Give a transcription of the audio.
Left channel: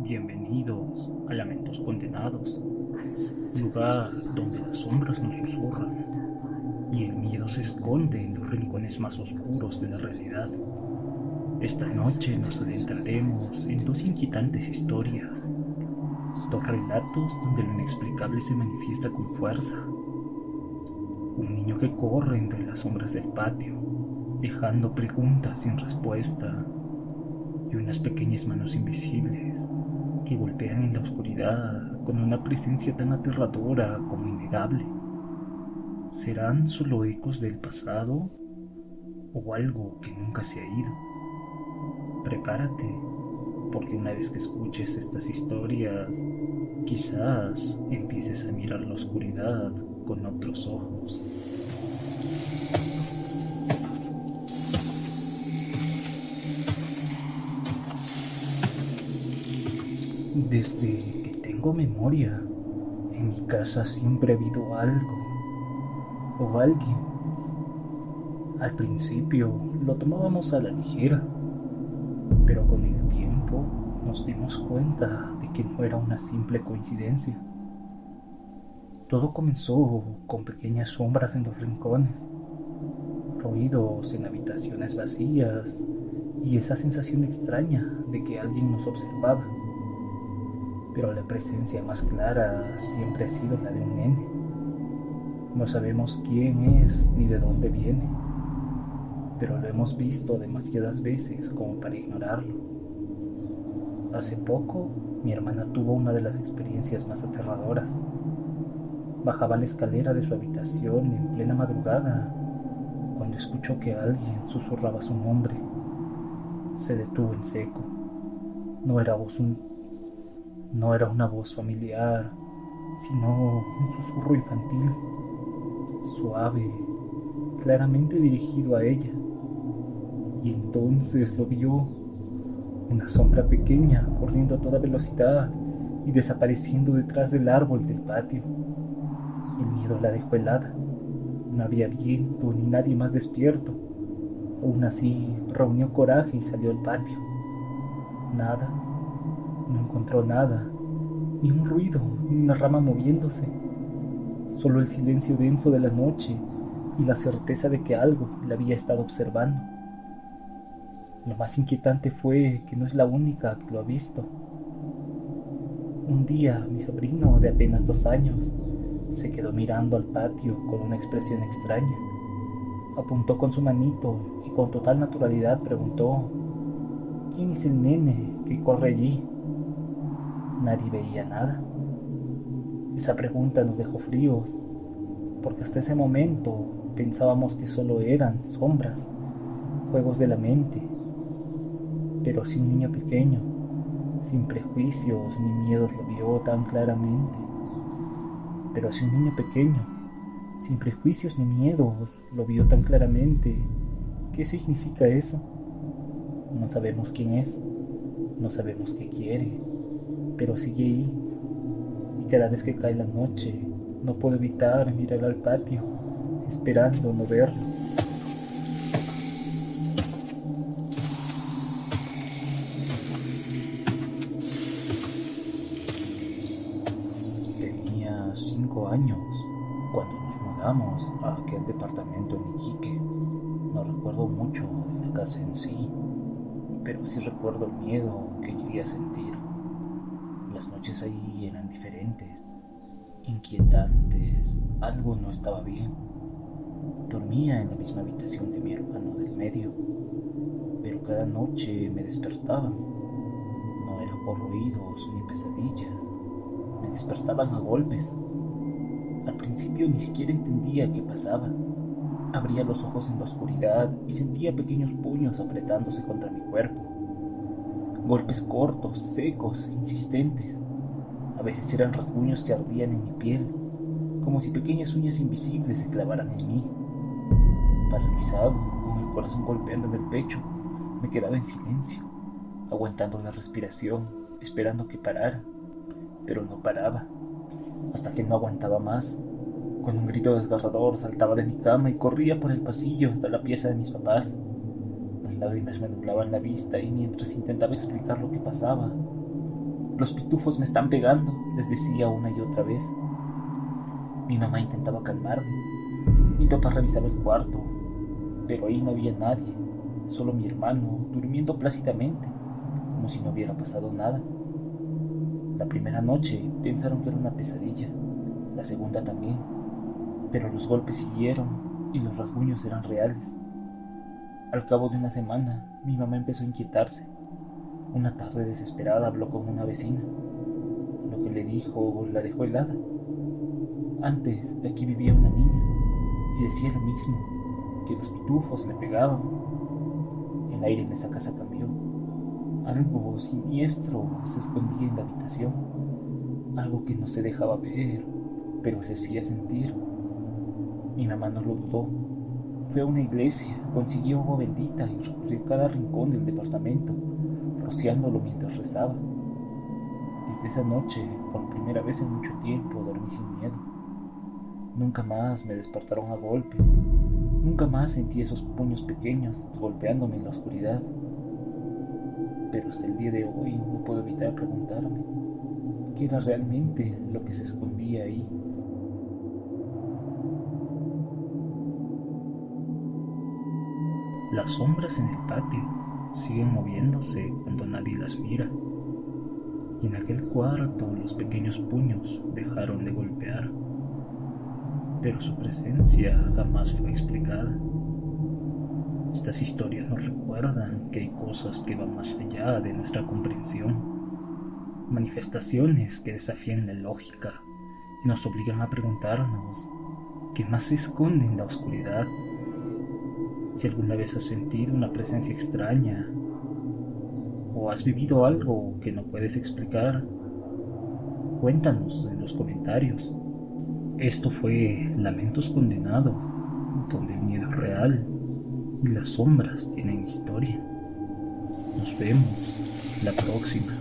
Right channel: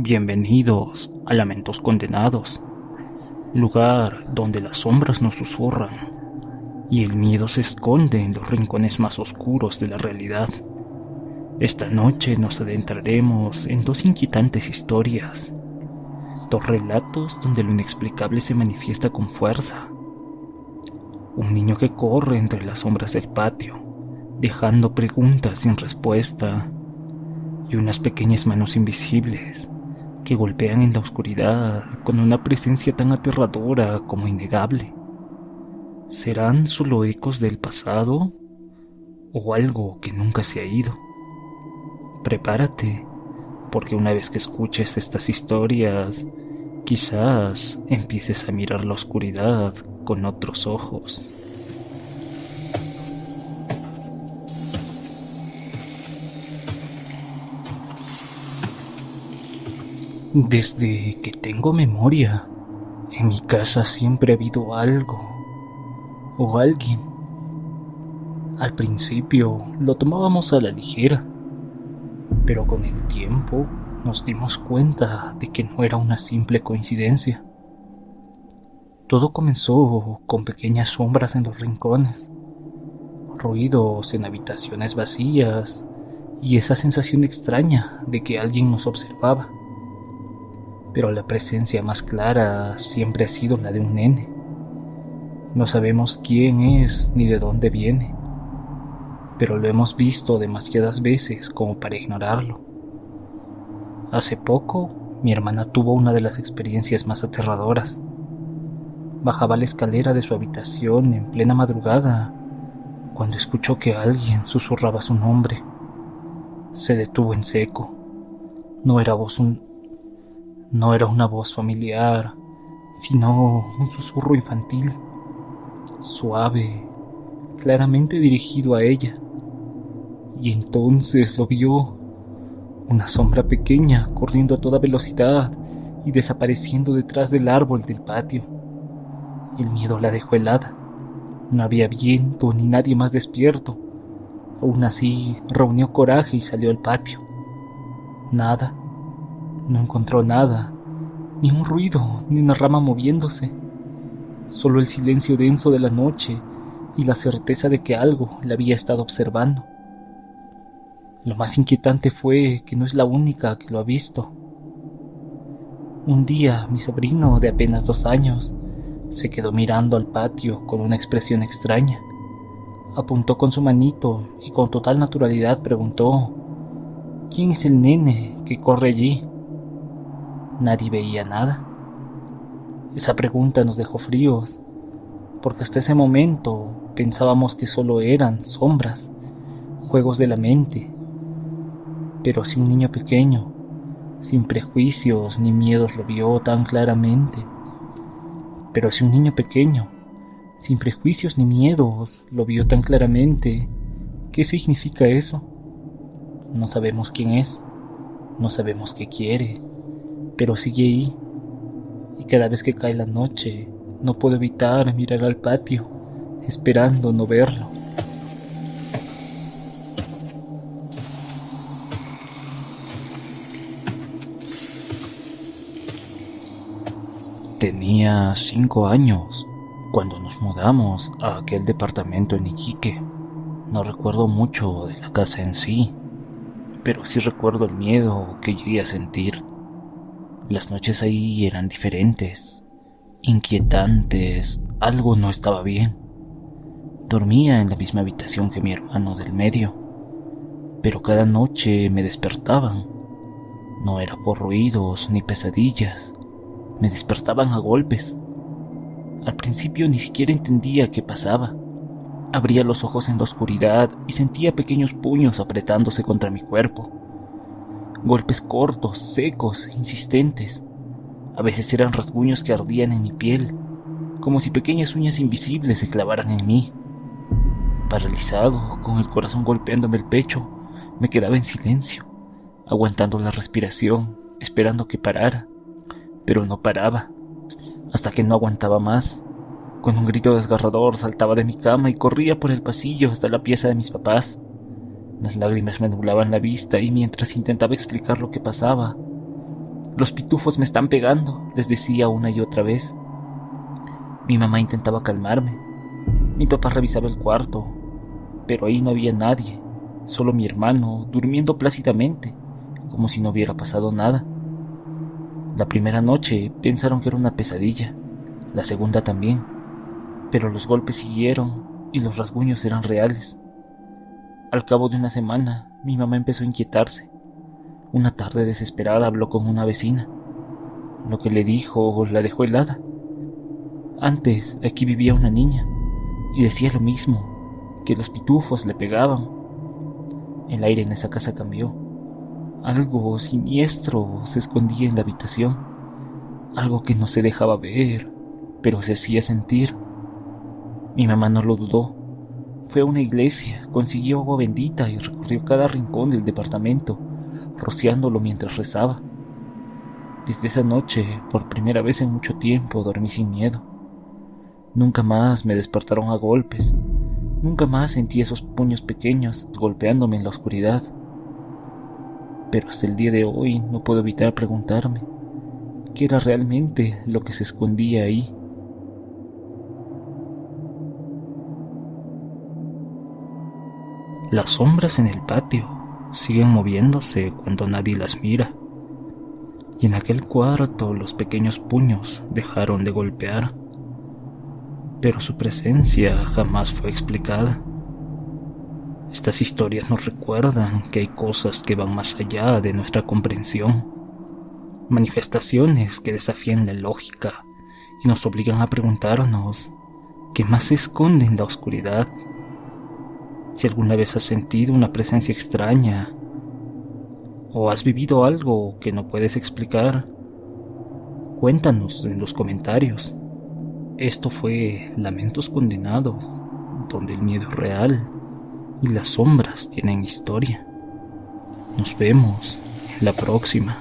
Bienvenidos a Lamentos Condenados, lugar donde las sombras nos susurran y el miedo se esconde en los rincones más oscuros de la realidad. Esta noche nos adentraremos en dos inquietantes historias, dos relatos donde lo inexplicable se manifiesta con fuerza. Un niño que corre entre las sombras del patio, dejando preguntas sin respuesta, y unas pequeñas manos invisibles que golpean en la oscuridad con una presencia tan aterradora como innegable. ¿Serán solo ecos del pasado o algo que nunca se ha ido? Prepárate, porque una vez que escuches estas historias, quizás empieces a mirar la oscuridad con otros ojos. Desde que tengo memoria, en mi casa siempre ha habido algo o alguien. Al principio lo tomábamos a la ligera, pero con el tiempo nos dimos cuenta de que no era una simple coincidencia. Todo comenzó con pequeñas sombras en los rincones, ruidos en habitaciones vacías y esa sensación extraña de que alguien nos observaba. Pero la presencia más clara siempre ha sido la de un nene. No sabemos quién es ni de dónde viene, pero lo hemos visto demasiadas veces como para ignorarlo. Hace poco, mi hermana tuvo una de las experiencias más aterradoras. Bajaba la escalera de su habitación en plena madrugada cuando escuchó que alguien susurraba su nombre. Se detuvo en seco. No era No era una voz familiar, sino un susurro infantil, suave, claramente dirigido a ella. Y entonces lo vio, una sombra pequeña corriendo a toda velocidad y desapareciendo detrás del árbol del patio. El miedo la dejó helada. No había viento ni nadie más despierto. Aún así, reunió coraje y salió al patio. Nada. No encontró nada, ni un ruido, ni una rama moviéndose. Solo el silencio denso de la noche y la certeza de que algo la había estado observando. Lo más inquietante fue que no es la única que lo ha visto. Un día, mi sobrino, de apenas 2 años, se quedó mirando al patio con una expresión extraña. Apuntó con su manito y con total naturalidad preguntó: ¿quién es el nene que corre allí? Nadie veía nada. Esa pregunta nos dejó fríos, porque hasta ese momento pensábamos que solo eran sombras, juegos de la mente. Pero si un niño pequeño, sin prejuicios ni miedos, lo vio tan claramente. Pero si un niño pequeño, sin prejuicios ni miedos, lo vio tan claramente, ¿qué significa eso? No sabemos quién es, no sabemos qué quiere, pero sigue ahí, y cada vez que cae la noche, no puedo evitar mirar al patio, esperando no verlo. Tenía 5 años cuando nos mudamos a aquel departamento en Iquique. No recuerdo mucho de la casa en sí, pero sí recuerdo el miedo que llegué a sentir. Las noches ahí eran diferentes, inquietantes, algo no estaba bien. Dormía en la misma habitación que mi hermano del medio, pero cada noche me despertaban. No era por ruidos ni pesadillas, me despertaban a golpes. Al principio ni siquiera entendía qué pasaba. Abría los ojos en la oscuridad y sentía pequeños puños apretándose contra mi cuerpo. Golpes cortos, secos, insistentes. A veces eran rasguños que ardían en mi piel, como si pequeñas uñas invisibles se clavaran en mí. Paralizado, con el corazón golpeándome el pecho, me quedaba en silencio, aguantando la respiración, esperando que parara. Pero no paraba, hasta que no aguantaba más. Con un grito desgarrador saltaba de mi cama y corría por el pasillo hasta la pieza de mis papás. Las lágrimas me nublaban la vista y mientras intentaba explicar lo que pasaba, Los pitufos me están pegando, les decía una y otra vez. Mi mamá intentaba calmarme. Mi papá revisaba el cuarto, pero ahí no había nadie, solo mi hermano durmiendo plácidamente, como si no hubiera pasado nada. La primera noche pensaron que era una pesadilla, la segunda también, pero los golpes siguieron y los rasguños eran reales. Al cabo de una semana, mi mamá empezó a inquietarse. Una tarde desesperada habló con una vecina. Lo que le dijo la dejó helada. Antes aquí vivía una niña y decía lo mismo, que los pitufos le pegaban. El aire en esa casa cambió. Algo siniestro se escondía en la habitación, algo que no se dejaba ver, pero se hacía sentir. Mi mamá no lo dudó. Fue a una iglesia, consiguió agua bendita y recorrió cada rincón del departamento, rociándolo mientras rezaba. Desde esa noche, por primera vez en mucho tiempo, dormí sin miedo. Nunca más me despertaron a golpes. Nunca más sentí esos puños pequeños golpeándome en la oscuridad. Pero hasta el día de hoy no puedo evitar preguntarme qué era realmente lo que se escondía ahí. Las sombras en el patio siguen moviéndose cuando nadie las mira, y en aquel cuarto los pequeños puños dejaron de golpear, pero su presencia jamás fue explicada. Estas historias nos recuerdan que hay cosas que van más allá de nuestra comprensión, manifestaciones que desafían la lógica y nos obligan a preguntarnos qué más se esconde en la oscuridad. Si alguna vez has sentido una presencia extraña o has vivido algo que no puedes explicar, cuéntanos en los comentarios. Esto fue Lamentos Condenados, donde el miedo es real y las sombras tienen historia. Nos vemos la próxima.